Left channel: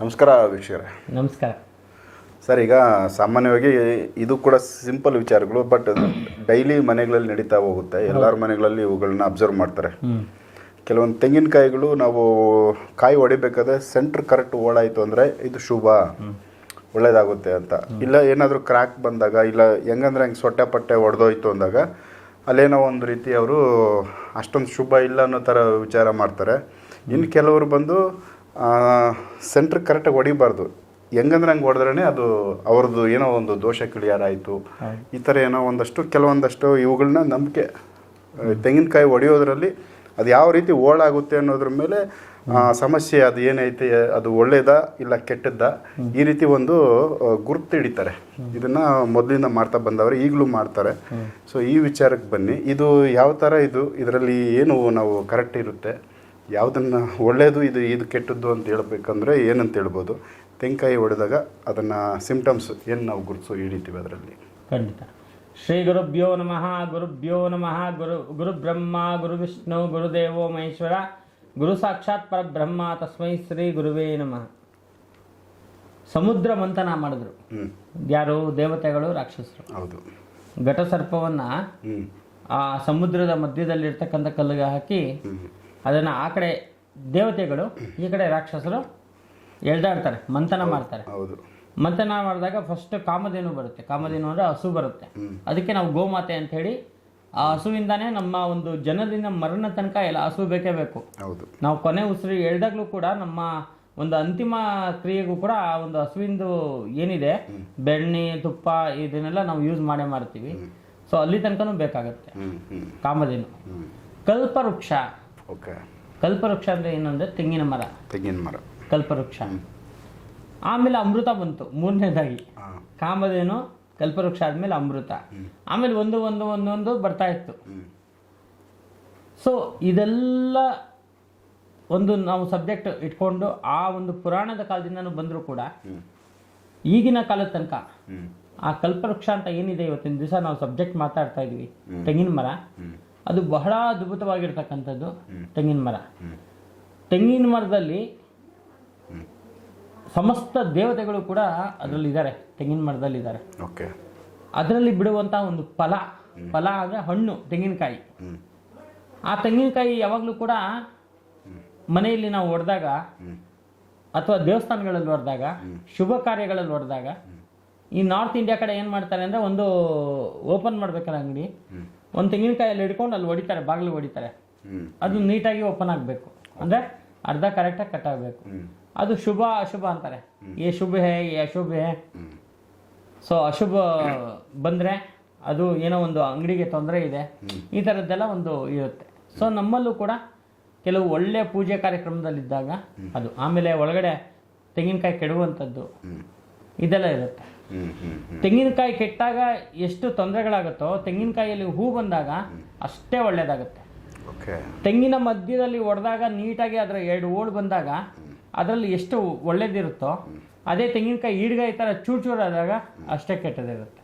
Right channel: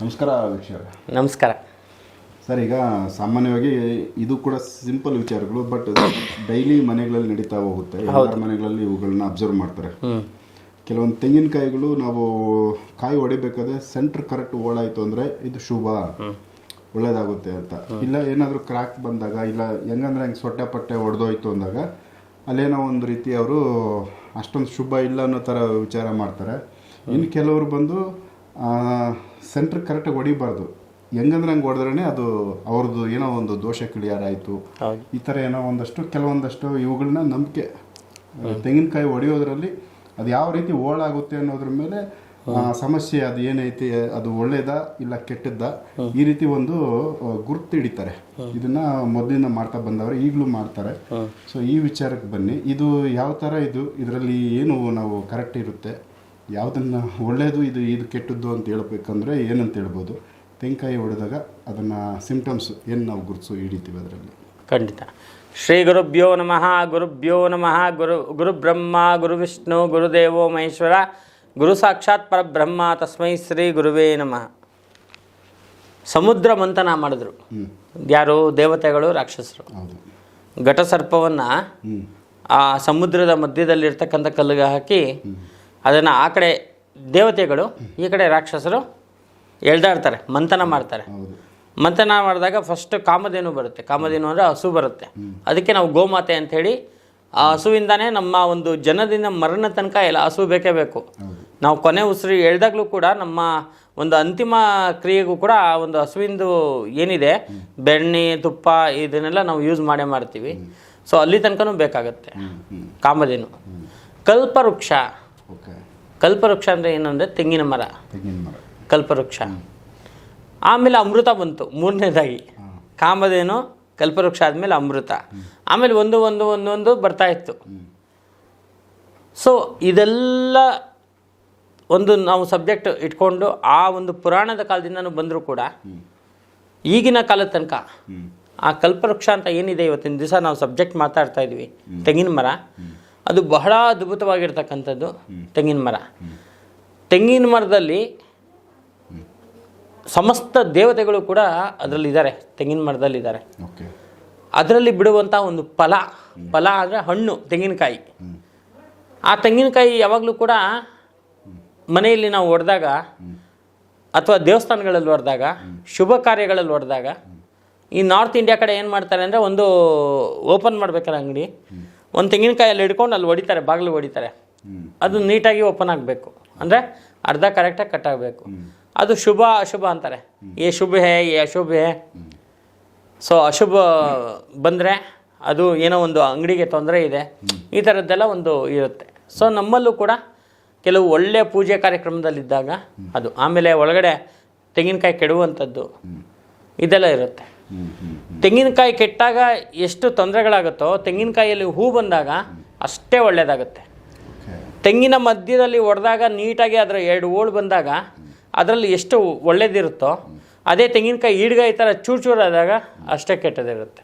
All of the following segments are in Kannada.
ನಮಸ್ಕಾರ ವೀಕ್ಷಕರೇ. ನಮಸ್ಕಾರ. ಸರ್ ಈಗ ಸಾಮಾನ್ಯವಾಗಿ ಇದು ಕೂಡ ಸಿಂಪಲ್ ವಿಚಾರಗಳು ಬಟ್ ಡೈಲಿ ಮನೆಗಳಲ್ಲಿ ನಡೀತಾ ಹೋಗುತ್ತೆ. ಎಲ್ಲರ ಮನೆಗಳಲ್ಲಿ ಇವುಗಳನ್ನ ಅಬ್ಸರ್ವ್ ಮಾಡ್ತಾರೆ. ಕೆಲವೊಂದು ತೆಂಗಿನಕಾಯಿಗಳು ನಾವು ಕಾಯಿ ಹೊಡಿಬೇಕಾದ್ರೆ ಸೆಂಟ್ರ್ ಕರೆಕ್ಟ್ ಓಡಾಯಿತು ಅಂದರೆ ಇದು ಶುಭ. ಒಳ್ಳೇದಾಗುತ್ತೆ ಅಂತ. ಇಲ್ಲ ಏನಾದರೂ ಕ್ರ್ಯಾಕ್ ಬಂದಾಗ ಇಲ್ಲ ಹೆಂಗಂದ್ರೆ ಹಂಗೆ ಸೊಟ್ಟೆ ಪಟ್ಟೆ ಒಡೆದೋಯ್ತು ಅಂದಾಗ ಅಲ್ಲೇನೋ ಒಂದು ರೀತಿ ಅವರು ಅಷ್ಟೊಂದು ಶುಭ ಇಲ್ಲ ಅನ್ನೋ ಥರ ವಿಚಾರ ಮಾಡ್ತಾರೆ. ಇನ್ನು ಕೆಲವರು ಬಂದು ಸೆಂಟ್ರ್ ಕರೆಕ್ಟಾಗಿ ಹೊಡಿಬಾರ್ದು. ಹೆಂಗಂದ್ರೆ ಹಂಗೆ ಹೊಡೆದ್ರೇ ಅದು ಅವ್ರದ್ದು ಏನೋ ಒಂದು ದೋಷ ಕಿಳಿಯಾರಾಯಿತು ಆಯಿತು. ಈ ಥರ ಏನೋ ಒಂದಷ್ಟು ಕೆಲವೊಂದಷ್ಟು ಇವುಗಳನ್ನ ನಂಬಿಕೆ ತೆಂಗಿನಕಾಯಿ ಹೊಡೆಯೋದ್ರಲ್ಲಿ ಅದು ಯಾವ ರೀತಿ ಓಳಾಗುತ್ತೆ ಅನ್ನೋದ್ರ ಮೇಲೆ ಆ ಸಮಸ್ಯೆ ಅದು ಏನೈತಿ ಅದು ಒಳ್ಳೇದಾ ಇಲ್ಲ ಕೆಟ್ಟದ್ದ ಈ ರೀತಿ ಒಂದು ಗುರುತು ಹಿಡಿತಾರೆ. ಇದನ್ನ ಮೊದಲಿಂದ ಮಾಡ್ತಾ ಬಂದವರು ಈಗಲೂ ಮಾಡ್ತಾರೆ. ಸೊ ಈ ವಿಚಾರಕ್ಕೆ ಬನ್ನಿ. ಇದು ಯಾವ ಥರ ಇದು? ಇದರಲ್ಲಿ ಏನು ನಾವು ಕರೆಕ್ಟ್ ಇರುತ್ತೆ? ಯಾವುದನ್ನ ಒಳ್ಳೆಯದು ಇದು ಇದು ಕೆಟ್ಟದ್ದು ಅಂತ ಹೇಳ್ಬೇಕಂದ್ರೆ ಏನಂತ ಹೇಳ್ಬೋದು? ತೆಂಕಾಯಿ ಹೊಡೆದಾಗ ಅದನ್ನು ಸಿಂಪ್ಟಮ್ಸ್ ಏನು ನಾವು ಗುರುತಿಸೋ ಹಿಡಿತೀವಿ ಅದರಲ್ಲಿ? ಖಂಡಿತ. ಶ್ರೀ ಗುರುಭ್ಯೋ ನಮಃ ಗುರುಭ್ಯೋ ನಮಃ ಗುರು ಗುರುಬ್ರಹ್ಮ ಗುರು ವಿಷ್ಣು ಗುರುದೇವೋ ಮಹೇಶ್ವರ ಗುರು ಸಾಕ್ಷಾತ್ ಪರಬ್ರಹ್ಮ ತಸ್ಮೈ ಶ್ರೀ ಗುರುವೇ ನಮಃ. ಸಮುದ್ರ ಮಂಥನ ಮಾಡಿದ್ರು. ಯಾರು? ದೇವತೆಗಳು ರಾಕ್ಷಸರು. ಹೌದು. ಘಟಸರ್ಪವನ್ನು ಆ ಸಮುದ್ರದ ಮಧ್ಯದಲ್ಲಿರ್ತಕ್ಕಂಥ ಕಲ್ಲಿಗೆ ಹಾಕಿ ಅದನ್ನು ಆ ಕಡೆ ದೇವತೆಗಳು ಈ ಕಡೆ ರಾಕ್ಷಸರು ಎಳ್ದಾಡ್ತಾರೆ ಮಂಥನ ಮಾಡ್ತಾರೆ. ಮಂಥನ ಮಾಡಿದಾಗ ಫಸ್ಟ್ ಕಾಮಧೇನು ಬರುತ್ತೆ. ಕಾಮಧೇನು ಅಂದರೆ ಹಸು ಬರುತ್ತೆ. ಅದಕ್ಕೆ ನಾವು ಗೋಮಾತೆ ಅಂತ ಹೇಳಿ ಆ ಹಸುವಿಂದಾನೇ ನಮ್ಮ ಒಂದು ಜನದಿಂದ ಮರಣ ತನಕ ಎಲ್ಲ ಹಸು ಬೇಕೇ ಬೇಕು. ನಾವು ಕೊನೆ ಉಸಿರು ಎಳ್ದಾಗ್ಲೂ ಕೂಡ ನಮ್ಮ ಒಂದು ಅಂತಿಮ ಕ್ರಿಯೆಗೂ ಕೂಡ ಆ ಒಂದು ಹಸುವಿಂದು ಏನಿದೆ ಬೆಣ್ಣೆ ತುಪ್ಪ ಇದನ್ನೆಲ್ಲ ನಾವು ಯೂಸ್ ಮಾಡೇ ಮಾಡ್ತೀವಿ. ಸೊ ಅಲ್ಲಿ ತನಕನೂ ಬೇಕಾಗುತ್ತೆ. ಕಾಮಧೇನು. ಕಲ್ಪವೃಕ್ಷ. ಓಕೆ. ಕಲ್ಪವೃಕ್ಷ ಅಂದರೆ ಏನಂದರೆ ತೆಂಗಿನ ಮರ. ತೆಂಗಿನ ಮರ. ಕಲ್ಪವೃಕ್ಷ. ಆಮೇಲೆ ಅಮೃತ ಬಂತು ಮೂರನೇದಾಗಿ. ಕಾಮಧೇನು ಕಲ್ಪವೃಕ್ಷ ಆದಮೇಲೆ ಅಮೃತ. ಆಮೇಲೆ ಒಂದು ಒಂದು ಒಂದು ಒಂದು ಬರ್ತಾ ಇತ್ತು. ಸೊ ಇದೆಲ್ಲ ಒಂದು ನಾವು ಸಬ್ಜೆಕ್ಟ್ ಇಟ್ಕೊಂಡು ಆ ಒಂದು ಪುರಾಣದ ಕಾಲದಿಂದನೂ ಬಂದರೂ ಕೂಡ ಈಗಿನ ಕಾಲದ ತನಕ ಆ ಕಲ್ಪವೃಕ್ಷ ಅಂತ ಏನಿದೆ ಇವತ್ತಿನ ದಿವಸ ನಾವು ಸಬ್ಜೆಕ್ಟ್ ಮಾತಾಡ್ತಾ ಇದ್ವಿ. ತೆಂಗಿನ ಮರ. ಅದು ಬಹಳ ಅದ್ಭುತವಾಗಿರ್ತಕ್ಕಂಥದ್ದು ತೆಂಗಿನ ಮರ. ತೆಂಗಿನ ಮರದಲ್ಲಿ ಸಮಸ್ತ ದೇವತೆಗಳು ಕೂಡ ಅದರಲ್ಲಿದ್ದಾರೆ ತೆಂಗಿನ ಮರದಲ್ಲಿದ್ದಾರೆ. ಓಕೆ. ಅದರಲ್ಲಿ ಬಿಡುವಂಥ ಒಂದು ಫಲ ಫಲ ಅಂದರೆ ಹಣ್ಣು ತೆಂಗಿನಕಾಯಿ. ಆ ತೆಂಗಿನಕಾಯಿ ಯಾವಾಗಲೂ ಕೂಡ ಮನೆಯಲ್ಲಿ ನಾವು ಹೊಡೆದಾಗ ಅಥವಾ ದೇವಸ್ಥಾನಗಳಲ್ಲಿ ಹೊಡೆದಾಗ ಶುಭ ಕಾರ್ಯಗಳಲ್ಲಿ ಹೊಡೆದಾಗ ಈ ನಾರ್ತ್ ಇಂಡಿಯಾ ಕಡೆ ಏನು ಮಾಡ್ತಾರೆ ಅಂದರೆ ಒಂದು ಓಪನ್ ಮಾಡ್ಬೇಕಾರೆ ಅಂಗಡಿ. ಒಂದು ತೆಂಗಿನಕಾಯಲ್ಲಿ ಹಿಡ್ಕೊಂಡು ಅಲ್ಲಿ ಹೊಡಿತಾರೆ ಬಾಗಿಲು ಹೊಡಿತಾರೆ. ಅದು ನೀಟಾಗಿ ಓಪನ್ ಆಗಬೇಕು. ಅಂದರೆ ಅರ್ಧ ಕರೆಕ್ಟಾಗಿ ಕಟ್ ಆಗಬೇಕು. ಅದು ಶುಭ ಅಶುಭ ಅಂತಾರೆ. ಏ ಶುಭ ಹೇ ಏ ಅಶುಭ ಹೇ. ಸೊ ಅಶುಭ ಬಂದರೆ ಅದು ಏನೋ ಒಂದು ಅಂಗಡಿಗೆ ತೊಂದರೆ ಇದೆ. ಈ ಥರದ್ದೆಲ್ಲ ಒಂದು ಇರುತ್ತೆ. ಸೊ ನಮ್ಮಲ್ಲೂ ಕೂಡ ಕೆಲವು ಒಳ್ಳೆಯ ಪೂಜೆ ಕಾರ್ಯಕ್ರಮದಲ್ಲಿದ್ದಾಗ ಅದು. ಆಮೇಲೆ ಒಳಗಡೆ ತೆಂಗಿನಕಾಯಿ ಕೆಡುವಂಥದ್ದು ಇದೆಲ್ಲ ಇರುತ್ತೆ. ತೆಂಗಿನಕಾಯಿ ಕೆಟ್ಟಾಗ ಎಷ್ಟು ತೊಂದರೆಗಳಾಗುತ್ತೋ ತೆಂಗಿನಕಾಯಿಯಲ್ಲಿ ಹೂ ಬಂದಾಗ ಅಷ್ಟೇ ಒಳ್ಳೆಯದಾಗುತ್ತೆ ತೆಂಗಿನ ಮಧ್ಯದಲ್ಲಿ ಒಡೆದಾಗ ನೀಟಾಗಿ ಅದರ ಎರಡು ಓಳು ಬಂದಾಗ ಅದರಲ್ಲಿ ಎಷ್ಟು ಒಳ್ಳೇದಿರುತ್ತೋ ಅದೇ ತೆಂಗಿನಕಾಯಿ ಈಡ್ಗಾಯಿ ಥರ ಚೂರು ಚೂರಾದಾಗ ಅಷ್ಟೇ ಕೆಟ್ಟದಿರುತ್ತೆ.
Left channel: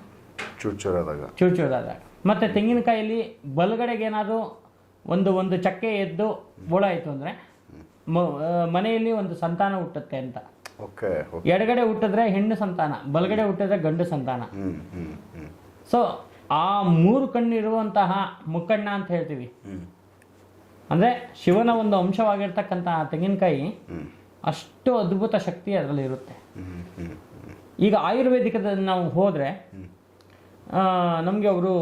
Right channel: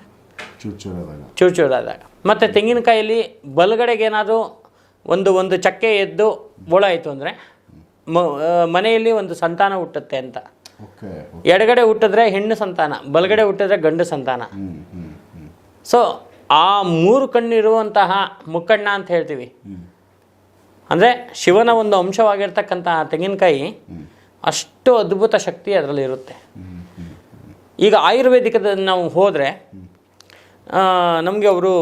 ಚೂರು ಚೂರಾದಾಗ ಚೂರು ಚೂರಾದಾಗ ಮತ್ತು ತೆಂಗಿನಕಾಯಲ್ಲಿ ಬಲಗಡೆಗೆ ಏನಾದರೂ ಒಂದು ಒಂದು ಚಕ್ಕೆ ಎದ್ದು ಬೋಳಾಯಿತು ಅಂದರೆ ಮನೆಯಲ್ಲಿ ಒಂದು ಸಂತಾನ ಹುಟ್ಟುತ್ತೆ ಅಂತ. ಎಡಗಡೆ ಹುಟ್ಟಿದ್ರೆ ಹೆಣ್ಣು ಸಂತಾನ ಬಲಗಡೆ ಹುಟ್ಟಿದ್ರೆ ಗಂಡು ಸಂತಾನ. ಸೊ ಆ ಮೂರು ಕಣ್ಣಿರುವಂತಹ ಮುಕ್ಕಣ್ಣ ಅಂತ ಹೇಳ್ತೀವಿ. ಅಂದ್ರೆ ಶಿವನ ಒಂದು ಅಂಶವಾಗಿರ್ತಕ್ಕಂತಹ ತೆಂಗಿನಕಾಯಿ ಅಷ್ಟು ಅದ್ಭುತ ಶಕ್ತಿ ಅದರಲ್ಲಿ ಇರುತ್ತೆ. ಈಗ ಆಯುರ್ವೇದಿಕದ ನಾವು ಹೋದರೆ ನಮಗೆ ಅವರು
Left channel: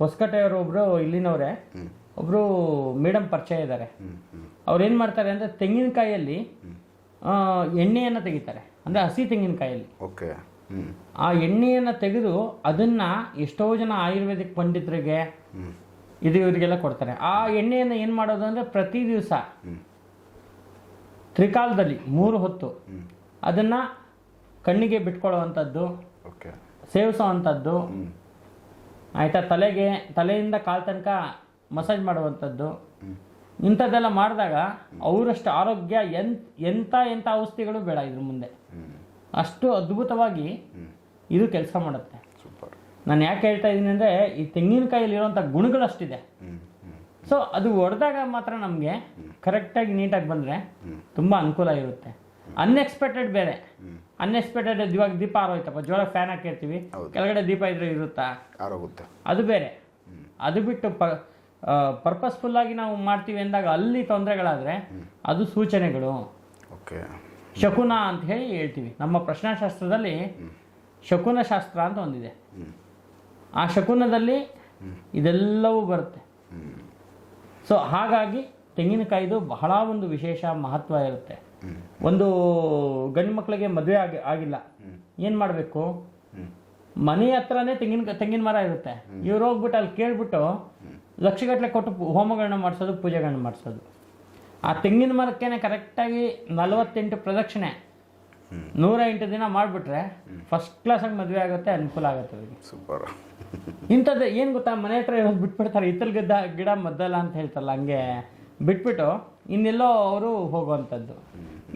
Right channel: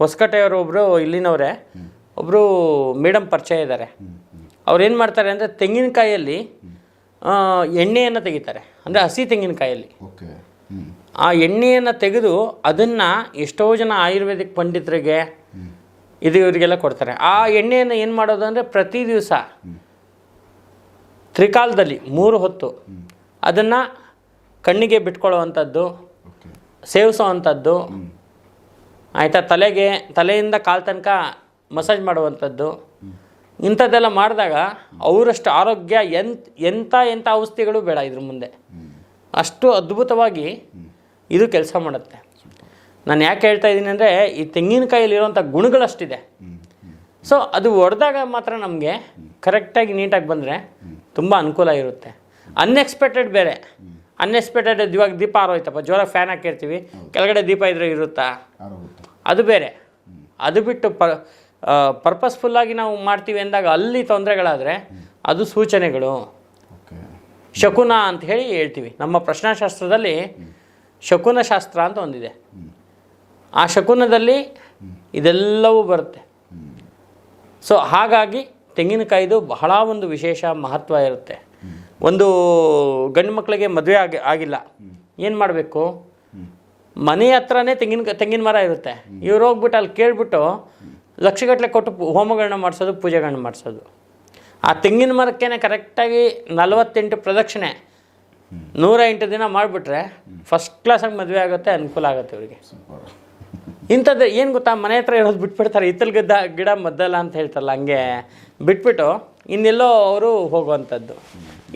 ಹೊಸಕಟ್ಟೆಯವರು ಒಬ್ರು ಇಲ್ಲಿನವರೇ ಒಬ್ಬರು ಮೇಡಮ್ ಪರಿಚಯ ಇದ್ದಾರೆ. ಅವ್ರು ಏನು ಮಾಡ್ತಾರೆ ಅಂದರೆ ತೆಂಗಿನಕಾಯಲ್ಲಿ ಆ, ಎಣ್ಣೆಯನ್ನು ತೆಗಿತಾರೆ. ಅಂದರೆ ಹಸಿ ತೆಂಗಿನಕಾಯಲ್ಲಿ. ಓಕೆ. ಆ ಎಣ್ಣೆಯನ್ನು ತೆಗೆದು ಅದನ್ನು ಎಷ್ಟೋ ಜನ ಆಯುರ್ವೇದಿಕ್ ಪಂಡಿತರಿಗೆ ಇದು ಇವರಿಗೆಲ್ಲ ಕೊಡ್ತಾರೆ. ಆ ಎಣ್ಣೆಯನ್ನು ಏನು ಮಾಡೋದು ಅಂದರೆ ಪ್ರತಿ ದಿವಸ ತ್ರಿಕಾಲದಲ್ಲಿ ಮೂರು ಹೊತ್ತು ಅದನ್ನು ಕಣ್ಣಿಗೆ ಬಿಟ್ಕೊಳ್ಳುವಂಥದ್ದು ಓಕೆ. ಸೇವಿಸೋ ಅಂಥದ್ದು ಆಯಿತಾ ತಲೆಗೆ ತಲೆಯಿಂದ ಕಾಲು ತನಕ ಮಸಾಜ್ ಮಾಡುವಂಥದ್ದು. ಇಂಥದ್ದೆಲ್ಲ ಮಾಡಿದಾಗ ಅವರಷ್ಟು ಆರೋಗ್ಯ ಎಂತ ಎಂಥ ಎಂಥ ಔಷಧಿಗಳು ಬೇಡ ಇದ್ರ ಮುಂದೆ. ಅಷ್ಟು ಅದ್ಭುತವಾಗಿ ಇದು ಕೆಲಸ ಮಾಡುತ್ತೆ. ನಾನು ಯಾಕೆ ಹೇಳ್ತಾ ಇದ್ದೀನಿ ಅಂದರೆ ಈ ತೆಂಗಿನಕಾಯಿಲಿರುವಂಥ ಗುಣಗಳಷ್ಟಿದೆ ಸೊ ಅದು ಹೊಡೆದಾಗ ಮಾತ್ರ ನಮಗೆ ಕರೆಕ್ಟಾಗಿ ನೀಟಾಗಿ ಬಂದರೆ ತುಂಬ ಅನುಕೂಲ ಇರುತ್ತೆ. ಅನ್ಎಕ್ಸ್ಪೆಕ್ಟೆಡ್ ಬೇರೆ. ಅನ್ಎಕ್ಸ್ಪೆಕ್ಟೆಡ್ ಇವಾಗ ದೀಪ ಆರೋಯ್ತಪ್ಪ ಜ್ವರ ಫ್ಯಾನ್ ಹಾಕಿರ್ತೀವಿ. ಕೆಳಗಡೆ ದೀಪ ಇದ್ರೆ ಇರುತ್ತಾ? ಅದು ಬೇರೆ. ಅದು ಬಿಟ್ಟು ಪ ಪರ್ಪಸ್ಫುಲ್ಲಾಗಿ ನಾವು ಮಾಡ್ತೀವಿ ಅಂದಾಗ ಅಲ್ಲಿ ತೊಂದರೆಗಳಾದರೆ ಅದು ಸೂಚನೆಗಳು. ಓಕೆ. ಶಕುನ ಅಂತ ಹೇಳಿ ಹೇಳ್ತೀವಿ. ನಮ್ಮ ಪ್ರಶ್ನಾಶಾಸ್ತ್ರದಲ್ಲಿ ಶಕುನ ಶಾಸ್ತ್ರ ಅಂತ ಒಂದಿದೆ. ಆ ಶಕುನದಲ್ಲಿ ಇದೆಲ್ಲವೂ ಬರುತ್ತೆ. ಸೊ ಹಾಗಾಗಿ ತೆಂಗಿನಕಾಯಿದು ಬಹಳ ಒಂದು ವಿಶೇಷ ಮಹತ್ವ ಇರುತ್ತೆ. ಒಂದು ಗಂಡು ಮಕ್ಕಳಿಗೆ ಮದುವೆ ಆಗಿ ಆಗಿಲ್ಲ. ಏನು ಮಾಡಬೇಕು? ಮನೆ ಹತ್ರನೇ ತೆಂಗಿನ ತೆಂಗಿನ ಮರ ಇರುತ್ತೆ. ಇವ್ರು ಹೋಗ್ಬಿಟ್ಟು ಅಲ್ಲಿ ಕೇಳ್ಬಿಟ್ಟು ಲಕ್ಷಗಟ್ಟಲೆ ಕೊಟ್ಟು ಹೋಮಗಳನ್ನ ಮಾಡಿಸೋದು ಪೂಜೆಗಳನ್ನ ಮಾಡಿಸೋದು. ಆ ತೆಂಗಿನ ಮರಕ್ಕೇನೆ ಕರೆಕ್ಟಾಗಿ ನಲವತ್ತೆಂಟು ಪ್ರದಕ್ಷಿಣೆ. ನೂರ ಎಂಟು ದಿನ ಮಾಡಿಬಿಟ್ರೆ ಫಸ್ಟ್ ಕ್ಲಾಸಾಗಿ ಮದುವೆ ಆಗುತ್ತೆ ಅನುಕೂಲ ಆಗುತ್ತೆ ಅವರಿಗೆ. ಸೂಪರ್. ಇಂಥದ್ದು ಏನು ಗೊತ್ತಾ ಮನೆ ಹತ್ರ ಇರೋದು ಬಿಟ್ಬಿಡ್ತಾರೆ ಹಿತ್ತಲ್ ಗಿದ್ದ ಗಿಡ ಮದ್ದಲ್ಲ ಅಂತ ಹೇಳ್ತಾರಲ್ಲ ಹಂಗೆ ಬಿಟ್ಬಿಟ್ಟು ಇನ್ನೆಲ್ಲೋ ಅವರು ಹೋಗುವಂಥದ್ದು.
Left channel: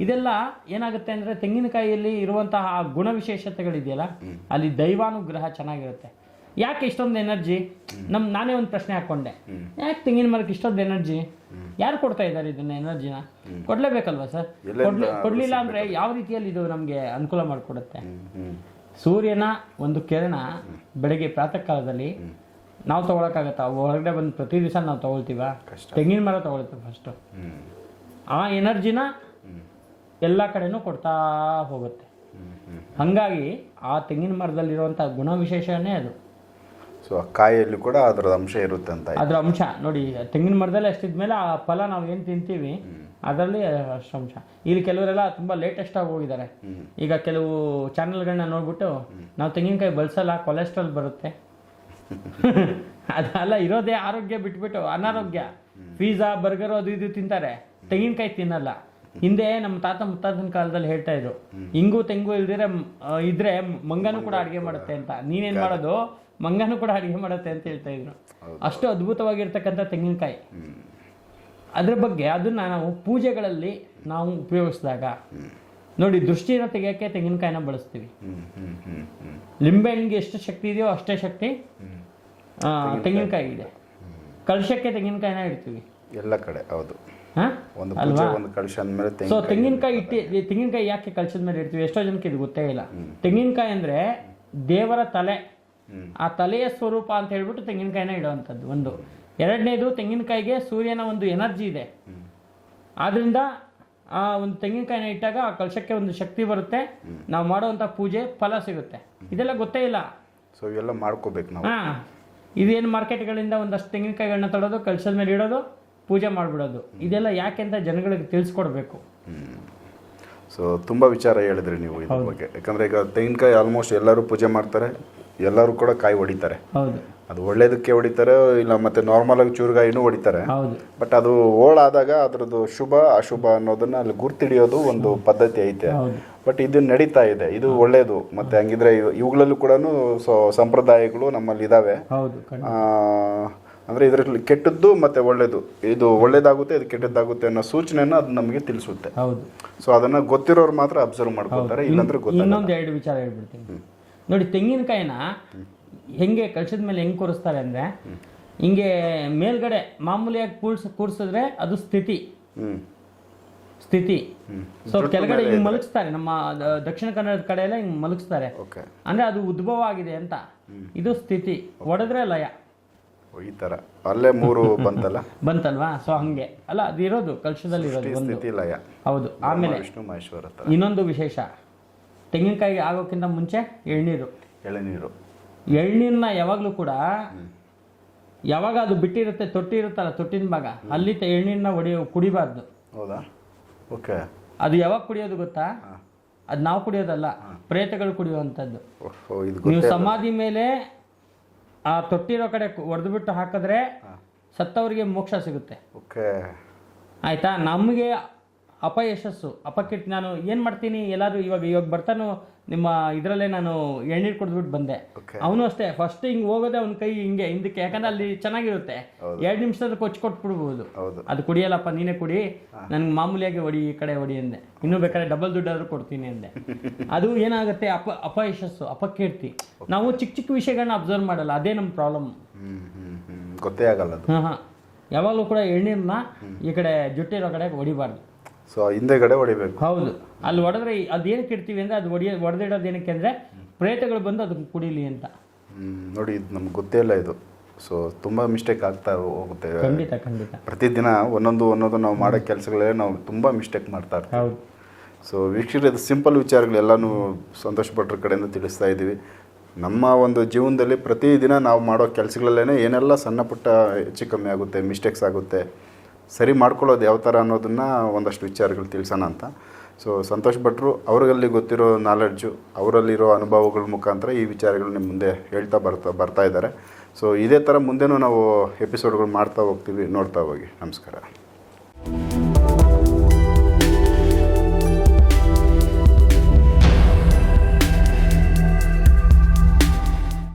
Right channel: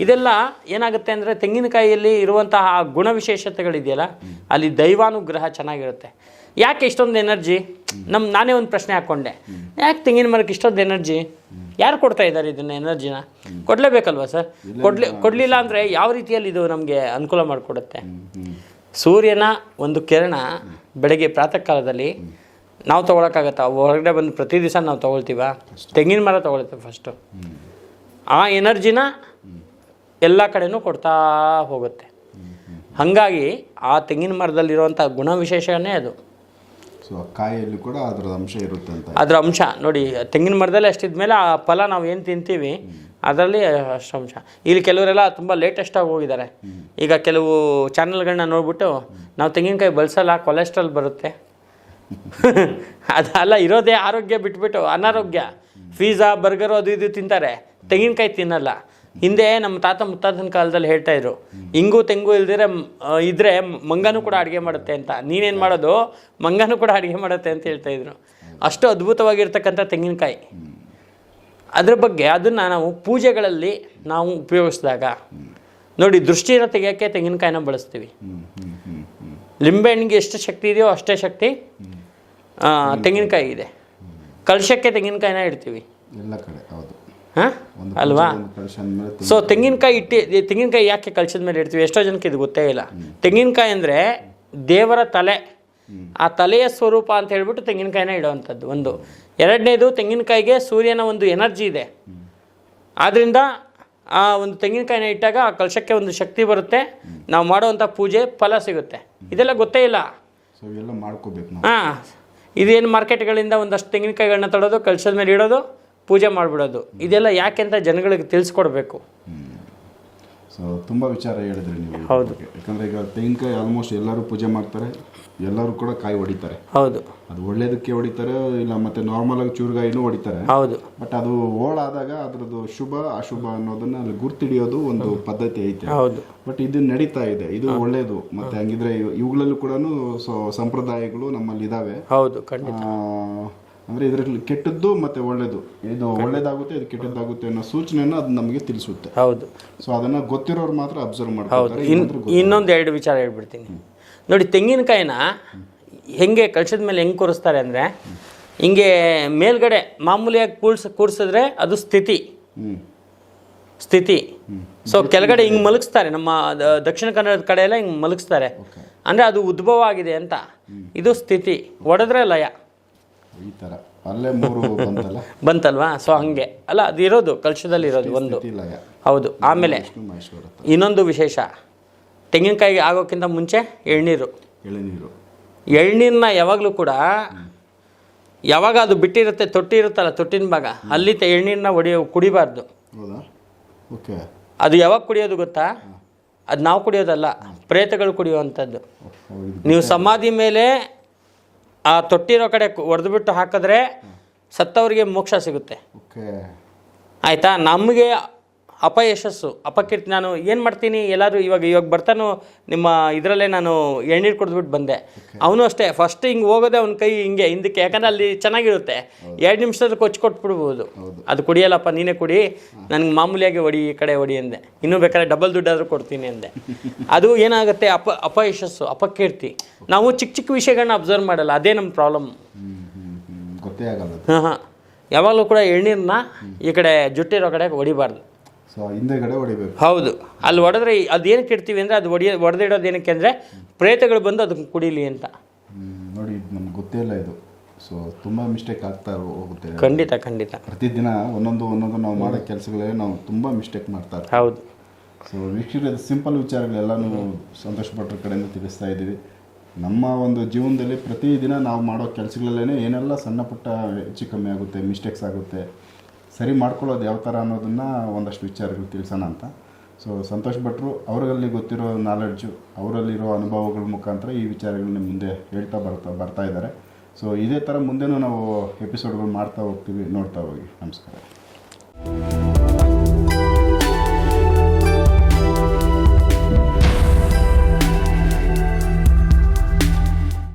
ಇದೆಲ್ಲ ಏನಾಗುತ್ತೆ ಅಂದರೆ ತೆಂಗಿನಕಾಯಿಯಲ್ಲಿ ಇರುವಂತಹ ಆ ಗುಣವಿಶೇಷತೆಗಳಿದೆಯಲ್ಲ ಅಲ್ಲಿ ದೈವಾನುಗ್ರಹ ಚೆನ್ನಾಗಿರುತ್ತೆ. ಯಾಕೆ ಇಷ್ಟೊಂದು ಎನರ್ಜಿ? ನಮ್ಮ ನಾನೇ ಒಂದು ಪ್ರಶ್ನೆ ಹಾಕ್ಕೊಂಡೆ ಯಾಕೆ ತೆಂಗಿನ ಮರಕ್ಕೆ ಇಷ್ಟೊಂದು ಎನರ್ಜಿ? ಯಾರು ಕೊಡ್ತಾ ಇದ್ದಾರೆ ಇದನ್ನ ಎನರ್ಜಿನ? ಕೊಡಲೇಬೇಕಲ್ವಾ ಸರ್? ಕೊಡ್ಲಿ ಕೊಡಲಿಲ್ಲ ಅಂದರೆ ಯಾವ ರೀತಿಯಲ್ಲಿ ಇದು ನಮಗೆ ಅನುಕೂಲ ಮಾಡಿಕೊಡುತ್ತೆ? ಸೂರ್ಯನ ಒಂದು ಕಿರಣ ಬೆಳಗ್ಗೆ ಪ್ರಾತಃ ಕಾಲದಲ್ಲಿ ನಾವು ತೊಗೊಳಕ್ಕಾಗತ್ತಾ? ಹೊರಗಡೆ ಬಂದು ಪ್ರತಿ ದಿವಸ ನಾವು ತೊಗೊಳ್ತೀವ? ತೆಂಗಿನ ಮರ ತೊಗೊಳ್ತೀವಿ ಫಸ್ಟು ಆ ಎನರ್ಜಿನ ಎಲ್ಲ ಕಡೆನೂ ಕೊಡ್ತಾ ಹೋಗುತ್ತೆ. ಹಾಗಾಗಿ ಆ ತೆಂಗಿನ ಮರದಲ್ಲಿರುವಂಥ ಗುಣವಿಶೇಷನೇ ಅದು. ಸೊ ಆ ಕಾಯಿಯಲ್ಲಿ ಕೂಡ ಅದರ ಅಂಶ ಇರುತ್ತೆ ಅಂತ ಅದರ ಅಂಶ. ನೋಡಿ, ತೆಂಗಿನ ಮರದಲ್ಲಿ ಅಷ್ಟಿದ್ಮೇಲೆ ಆ ಫಲ ನಾವು ಏನು ತಿಂತೀವಿ, ಅದರಲ್ಲಿ ಅಷ್ಟು ಅಂಶ. ಇಲ್ಲಿ ಕೆಲವರೆಲ್ಲ ತುಂಬ ಲೇಟೆಸ್ಟಾಗಿ ಹೋಗಿದ್ದಾರೆ. ಈಗ ಕೆಲವು ಚಾನಲ್ಗಳನ್ನ ನೋಡ್ಬಿಟ್ಟು, ನಾವು ತೆಂಗಿನಕಾಯಿ ಬಳಸಲ್ಲ ಕೊಲೆಸ್ಟ್ರಾಲ್ ಬರುತ್ತೆ. ಅದಲ್ಲ ಇರೋದೇ ಆರೋಗ್ಯ ಬಿಟ್ಬಿಟ್ಟು, ಅನಾರೋಗ್ಯ. ಪಿಜ್ಜಾ ಬರ್ಗರು ಅದು ಇದು ತಿಂತಾರೆ. ತೆಂಗಿನಕಾಯಿ ತಿನ್ನಲ್ಲ. ಹಿಂದೆ ನಮ್ಮ ತಾತ ಮುತ್ತಾತನ ಕಾಲದಲ್ಲಿ ಹೇಳ್ತಾ ಇದ್ರು ಇಂಗು ತೆಂಗು ಇಲ್ದಿರ ಇದ್ರೆ ಮಂಗನೂ ಕೂಡ ಅಡುಗೆ ಮಾಡುತ್ತೆ ಅಂತ. ನೀನೇನು ಮಾಡೋದು? ಮಂಗನೂ ಕೂಡ ಅಡುಗೆ ಮಾಡುತ್ತೆ ಅಂತ ಹೇಳ್ತಾ ಇದ್ರು. ಅಷ್ಟು ಅದ್ಭುತವಾಗಿರ್ತಕ್ಕಂಥ ತೆಂಗಿನಕಾಯಿ. ಅದ್ರ ಬಗ್ಗೆ ಅದನ್ನು ನಾವು ಪೂಜೆಗಳಲ್ಲಿ ನಾವು ಉಪಯೋಗಿಸಿದಾಗ ನೋಡಿ ದೃಷ್ಟಿನ ತೆಗೆಯೋಕ್ಕೆ ತೆಂಗಿನಕಾಯಿನ ಬಳಸ್ತೀವಿ. ಲಿಂಬೆಹಣ್ಣಿಗೆ ಎಷ್ಟು ಶಕ್ತಿ ಇದೆಯೋ ಅಷ್ಟೇ ಶಕ್ತಿ ತೆಂಗಿನಕಾಯಿ ಇದೆ ಕಲಶಕ್ಕೆ ತೆಂಗಿನಕಾಯಿನ ಇಡ್ತೀವಿ. ಎಲ್ಲ ಕಡೆ ಹೌದು. ಒಂದು ಅಲ್ವಾ? ಸೊ ತೆಂಗಿನಕಾಯಿ. ಇಟ್ಟು ತೆಂಗಿನಕಾಯಿ ಯಾಕೆ ಕಳ್ಸಿದ ಮೇಲೆ ಇಡ್ತೀವಿ? ಎಷ್ಟೋ ಜನಕ್ಕೆ ಇದು ಗೊತ್ತೇ ಇಲ್ಲ. ತೆಂಗಿನಕಾಯಿ ಅಂದರೆ ದೇವರ ತಲೆ. ಆ ತಲೆಯ ಸ್ವರೂಪ ಅಂತ ಹೇಳ್ಬಿಟ್ಟು ತೆಂಗಿನಕಾಯಿನ ಇಡುವಂಥದ್ದು ಒಂದು. ಎರಡನೇದು ತೆಂಗಿನಕಾಯಿಗೆ ಸೂರ್ಯನ ಒಂದು ಎನರ್ಜಿ ಇದೆ. ಆದ್ದರಿಂದ ಆ ಒಂದು ತೆಂಗಿನಕಾಯಿನ ಇಟ್ಟಾಗ ಆ ಕಲಶಕ್ಕೆ ಒಂದು ಶಕ್ತಿ ಬರುತ್ತೆ. ನಾವು ಮಾಡುವಂಥ ಪೂಜೆ ಫಲ ಸಿಗುತ್ತೆ. ಇದೆಲ್ಲ ಗೊತ್ತೇ ಇಲ್ಲ. ಸೊ ಇವೆಲ್ಲ ಮಾಡ್ಕೋಬೇಕು ಹಾಂ. ಇದೇನು ಮಾರ್ಕೆಟ್ಗಳಿಂದ ಒಂದಷ್ಟು ತೆಂಗಿನಕಾಯಿಗಳನ್ನ ತಡೋದು ಕಲಶದ ಮೇಲೆ ಇಡೋದು? ಪೂಜೆ ಮಾಡಿಬಿಡೋದು. ಇದೆಲ್ಲ ಯಾಕೆ ಅಂತ ಜನಗಳಿಗೆ ತಿಳಿಸ್ಕೊಡ್ಬೇಕು. ಸೊ ತುಂಬ ವಿಚಾರ ಹೇಳಿದ್ರಿ ನೀವು ಇದ್ರ ಬಗ್ಗೆ. ಯಾಕಂದ್ರೆ ಈಗ ತೆಂಗಿನಕಾಯಿ ಆಲ್ಮೋಸ್ಟ್ ಎಲ್ಲರೂ ಪೂಜೆ ಮಾಡ್ತಾರೆ ಎಲ್ಲರೂ ಕೂಡ ಕಾಯಿ ಹೊಡಿತಾರೆ. ಹೌದು. ಅದು ಒಳ್ಳೇದಕ್ಕೆ ಹೊಡಿತಾರೆ ಇಲ್ಲ ಮತ್ತೆ ನಾರ್ಮಲ್ ಆಗಿ ಚೂರುಗಾಯಿನೂ ಹೊಡಿತಾರೆ. ಹೌದು. ಬಟ್ ಅದು ಓಳಾದಾಗ ಅದ್ರದ್ದು ಶುಭ ಅಶುಭ ಅನ್ನೋದನ್ನ ಅಲ್ಲಿ ಗುರ್ತಿಡಿಯೋದು ಒಂದು ಪದ್ಧತಿ ಐತೆ. ಹೌದು. ಬಟ್ ಇದು ನಡೀತಾ ಇದೆ. ಇದು ಒಳ್ಳೇದು. ಮತ್ತೆ ಹಂಗಿದ್ರೆ ಇವುಗಳಲ್ಲೂ ಕೂಡ ಸಂಪ್ರದಾಯಗಳು ನಮ್ಮಲ್ಲಿ ಇದಾವೆ. ಹೌದು ಅಂದ್ರೆ ಇದರಲ್ಲಿ ಕೆಟ್ಟದ್ದು ಮತ್ತೆ ಒಳ್ಳೆಯದು ಇದು ಒಳ್ಳೇದಾಗುತ್ತೆ ಇದು ಕೆಟ್ಟದ್ದಾಗುತ್ತೆ ಅನ್ನೋ ಸೂಚನೆಯನ್ನು ಅದು ನಮಗೆ ತಿಳಿಸುತ್ತೆ. ಹೌದು. ಸೊ ಅದನ್ನು ಗೊತ್ತಿರೋರು ಮಾತ್ರ ಅಬ್ಸರ್ವ್ ಮಾಡ್ತಾರೆ ಇನ್ ಇನ್ನೊಂದು ಎರಡು ವಿಚಾರ ಹೇಳ್ಬಿಡ್ತೀನಿ. ನೋಡಿ ತೆಂಗಿನಕಾಯಿನ ಹೆಂಗೆ ಕಳ್ಸದ ಮೇಲೆ ಹೆಂಗೆ ಕೂರಿಸ್ತಾರೆ ಅಂದರೆ ಹಿಂಗೆ ಮೇಲ್ಗಡೆ ಮಾಮೂಲಿಯಾಗಿ ಕೂಡ್ಸ್ ಕೂಡಿಸಿದ್ರೆ ಅದು ಸ್ಥಿತಿ. ಸ್ಥಿತಿ. ಸೊ ಕೆಳಗಡೆ ಹಿಂಗೆ ಮಲಗಿಸ್ತಾರೆ. ನಮ್ಮ ದಕ್ಷಿಣ ಕನ್ನಡದ ಕಡೆ ಎಲ್ಲ ಹಿಂಗೆ ಮಲಗಿಸ್ತಾರೆ. ಅಂದರೆ ಅದು ಉದ್ಭವ ಆಗಿದೆ ಅಂತ ಇದು ಸ್ಥಿತಿ. ಒಡೆದ್ರೆ ಲಯ. ಈ ಥರ ಅಲ್ಲೇ ಮೂರು ಬಂತಲ್ಲ? ಬಂತಲ್ವಾ? ಸೊ ಹಂಗೆ. ಅಲ್ಲ ಅದು ಇರೋದು ಕಲಶದಲ್ಲಿ ಇರೋದು ಒಂದು. ಲಯ. ಹೌದು. ಆಮೇಲೆ ವಿಷ್ಣು ಮಹೇಶ್ವರ ತರ ಇನ್ನೊಂದು ವಿಶೇಷ. ತೆಂಗಿನಕಾಯಿ ಆಗೋಕ್ಕಿಂತ ಮುಂಚೆ ಎಳ್ನೀರು. ಎಳನೀರು. ಎಳ್ನೀರನ್ನ ಯಾವಾಗಲೂ ಕೂಡ ಯಾವಾಗ ಅದು ಬಿಟ್ಟಿರುತ್ತೆ ತೊಟ್ಟಿ ಇರುತ್ತಲ್ಲ ತೊಟ್ಟಿನ ಭಾಗ ಅಲ್ಲಿ ತ- ಎಳ್ನೀರನ್ನ ಒಡೆಯೋ ಕುಡಿಬಾರ್ದು. ಹೌದಾ? ಓಕೆ. ಅದು ಯಾವಾಗ ಕುಡಿಯೋದು ಗೊತ್ತಾ? ಅದು ನಾವು ಕುಡಿಯೋದಲ್ಲ ಪ್ರೇತಗಳು ಕುಡಿಯುವಂಥದ್ದು. ಓಹೋ ಇದು ನೀವು ಸಮಾಧಿ ಮೇಲೆ ಆ ತೊಟ್ಟಿರೋ ಕಡೆ ಬಿಟ್ಟು ಹಾಕಿದ್ರೆ ಸತ್ತವರಿಗೆ ಮೋಕ್ಷ ಸಿಗುತ್ತೆ. ಓಕೆ ಆಯಿತಾ? ನಮಗೆ ಅಪಯಶಸ್ಸು ಅಪಕೀರ್ತಿ ನಾನು ಏನು ಮಾಡ್ತೀನಿ ಎಲ್ಲರೂ ಇವಾಗ ಇವಾಗ ಬರ್ತಾನೋ ನಿಮ್ಮ ಇದರಲ್ಲೇ ನಾನು ಎಣ್ಣೀರು ಕುಡಿದ್ಬಿಟ್ಟು ಬಂದೆ. ಅವನು ಅಷ್ಟೇ ಫಸ್ಟ್ ಹಿಂಗೆ ಹೋಗೋದೆ ಅವ್ನ ಕೈ ಹಿಂಗೆ ಹಿಂದಕ್ಕೆ. ಯಾಕಂದ್ರೆ ಅಲ್ಲಿ ಚೆನ್ನಾಗಿರುತ್ತೆ. ಎರಡು ನಿಮಿಷದಲ್ಲಿ ಕೊಚ್ಚಿ ಕೊಟ್ಬಿಡ್ಬೋದು. ಅದು ಕುಡಿಯಲ್ಲಪ್ಪ ನೀನೇ ಕುಡಿ ನನಗೆ ಮಾಮೂಲಿಯಾಗಿ ಹೊಡಿ ಈ ಕಡೆ ಹೊಡಿ ಅಂದೆ. ಇನ್ನೂ ಬೇಕಾದ್ರೆ ಡಬಲ್ ದುಡ್ಡಾದರೂ ಕೊಡ್ತೀನಿ ಅಂದೆ. ಅದು ಏನಾಗುತ್ತೆ ಅಪ ಅಪಯಶಸ್ಸು ಅಪಕೀರ್ತಿ ನಾವು ಚಿಕ್ಕ ಚಿಕ್ಕ ವಿಷಯಗಳನ್ನ ಅಬ್ಸರ್ವ್ ಮಾಡಲ್ಲ ಅದೇ ನಮ್ಮ ಪ್ರಾಬ್ಲಮ್ ಗೊತ್ತೇ ಆಗಲ್ಲ ಹಾಂ ಹಾಂ ಯಾವಾಗಲೂ ಕೂಡ ಎಳ್ನೀರನ್ನ ಈ ಕಡೆ ಜುಟ್ಟಿರೋ ಕಡೆ ಹೊಡಿಬಾರ್ದು. ಸೊ ಹಿಂದೆಗಡೆ ಹೊಡಿಬೇಕು. ಹೌದು. ಅಲ್ಲಿ ಹೊಡೆದ್ರೆ ಅದು ಏನಕ್ಕೆ ಇಡ್ತೀವಿ ಅಂದರೆ ಅದು ಹೊಡಿಯ ಹೊಡೆದಿಡೋದು ಏನಕ್ಕೆ ಅಂದರೆ ಪ್ರೇತಗಳು ಬಂದು ಅದಕ್ಕೆ ಕುಡಿಲಿ ಅಂತ. ನೋಡಿ ಇದು ನಮ್ಗೆ ಗೊತ್ತೇ ಇಲ್ಲ ಇದು. ಸೊ ತುಂಬ ಮಿಸ್ಟೇಕ್ ಆಗ್ತಾ ಹೋಗುತ್ತೆ. ಖಂಡಿತ ಖಂಡಿತ. ಪ್ರತಿದಿನ ಒಂದೊಂದು ಒಂದೊಂದು ನಾವು ಮಾಡೋ ಕೆಲಸಗಳೇ ನಾವು ತುಂಬ ಮಿಸ್ಟೇಕ್ ಮಾಡ್ತಾ ಇರ್ತೀವಿ. ಹೌದು. ಸೊ ವೀಕ್ಷಕರು ಇದು ಸಿಂಪಲ್ ವಿಚಾರಗಳೆಲ್ಲನೂ ಸಂತೋಷ ಪಟ್ಟರ ಕಡೆಯಿಂದ ತಿಳಿಸ್ತಾ ಇದ್ದೀವಿ. ನಮ್ಮ ಒಂದು ಜೀವನದಲ್ಲಿ ಪ್ರತಿದಿನ ನಾವು ಮಾಡೋ ಕೆಲಸಗಳಲ್ಲೇ ಏನೆಲ್ಲ ಸಣ್ಣ ಪುಟ್ಟ ಹೆಚ್ಚು ಕಮ್ಮಿ ಆಗುತ್ತೆ ಮಿಸ್ಟೇಕ್ಸ್ ಆಗುತ್ತೆ ಸರಿ ಮಾಡ್ಕೊಳ್ಳೋದು ಯಾವ ಥರ ಅನ್ನೋದನ್ನು ಒಂದಷ್ಟು ವಿಚಾರಗಳು ತಿಳಿಸೋಣ ಅಂತ. ಸೊ ಸಂತೋಷ್ ಭಟ್ರು, ಅವರಲ್ಲಿ ಗೊತ್ತಿರೋ ನಾಲೆಡ್ಜು ಅವರಲ್ಲಿರೋ ಅನುಭವಗಳ ಮುಖಾಂತರ ಈ ವಿಚಾರಗಳು ನಿಮ್ಮ ಮುಂದೆ ಹೇಳ್ತಾ ಬರ್ತಾ ಬರ್ತಾ ಇದ್ದಾರೆ. ಸೊ ಇದೇ ಥರ ಮುಂದೆನೂ ನಾವು ಎಪಿಸೋಡ್ಗಳು ಮಾಡ್ತಾ ಹೋಗ್ತೀವಿ, ನೋಡ್ತಾ ಹೋಗಿ. ನಮಸ್ಕಾರ.